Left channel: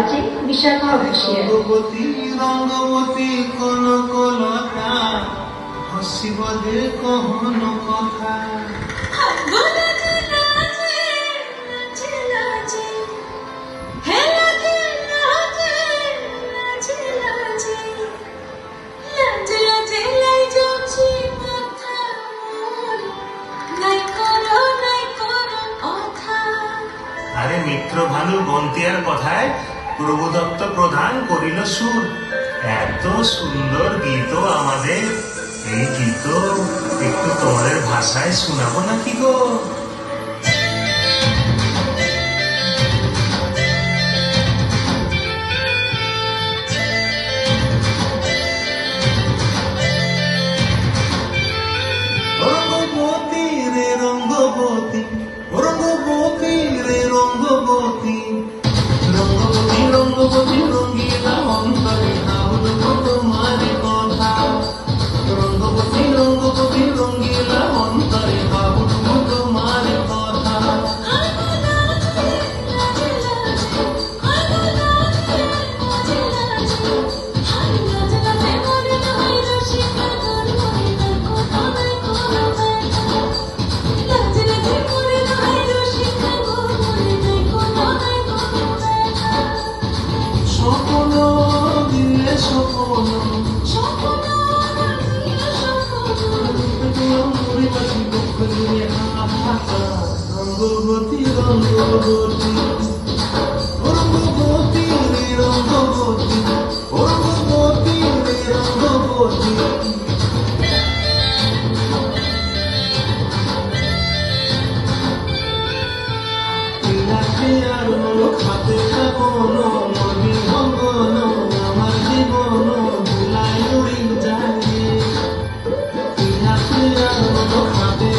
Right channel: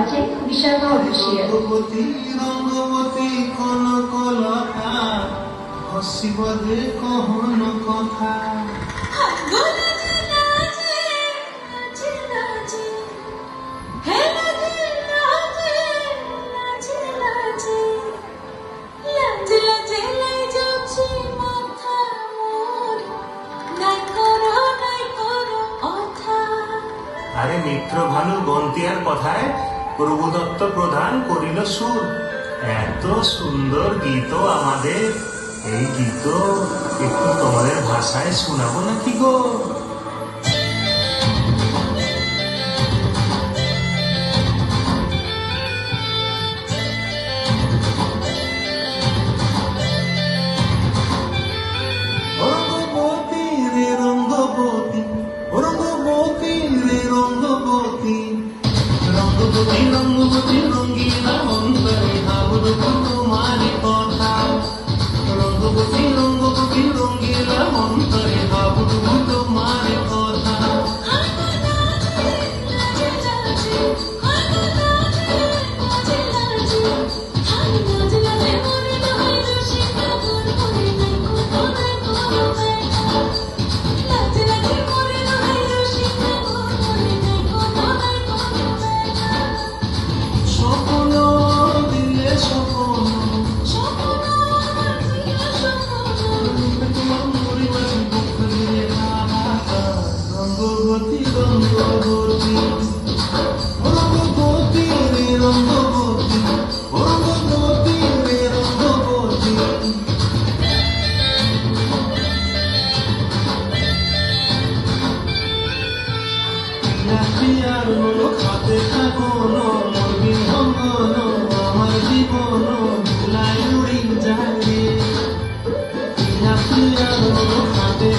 আছে বিশাখা অফিসিয়াল। রঙ্গবতী রঙ্গবতী কনকলতা হসিব দে কহন কথা আরে মিত্র ভানু গন্তিয়ার কথায় প্রভুদত্ত প্রধান করিল সুর। এত সুন্দর গীত আমাদের, এই গীত একটু তোমাদের ভাষায় শোনাবো নাকি গো? রঙ্গবতী রে রঙ্গবতী, রঙ্গবতী রে রঙ্গবতী, রঙ্গবতী রঙ্গবতী রঙ্গিলা অন্তরে ভাবুদ তোমারি কথা। রঙ্গবতী রঙ্গবতী রঙ্গিলা অন্তরে ভাবুদ তোমারি কথা। রঙ্গবতী রঙ্গবতী, রঙ্গবতী রে রঙ্গবতী, রঙ্গবতী রে রঙ্গবতী। আর খাতে কাপন বিহঙ্গন আমার জীবন ভুলাই উড়ি যায়। খাতে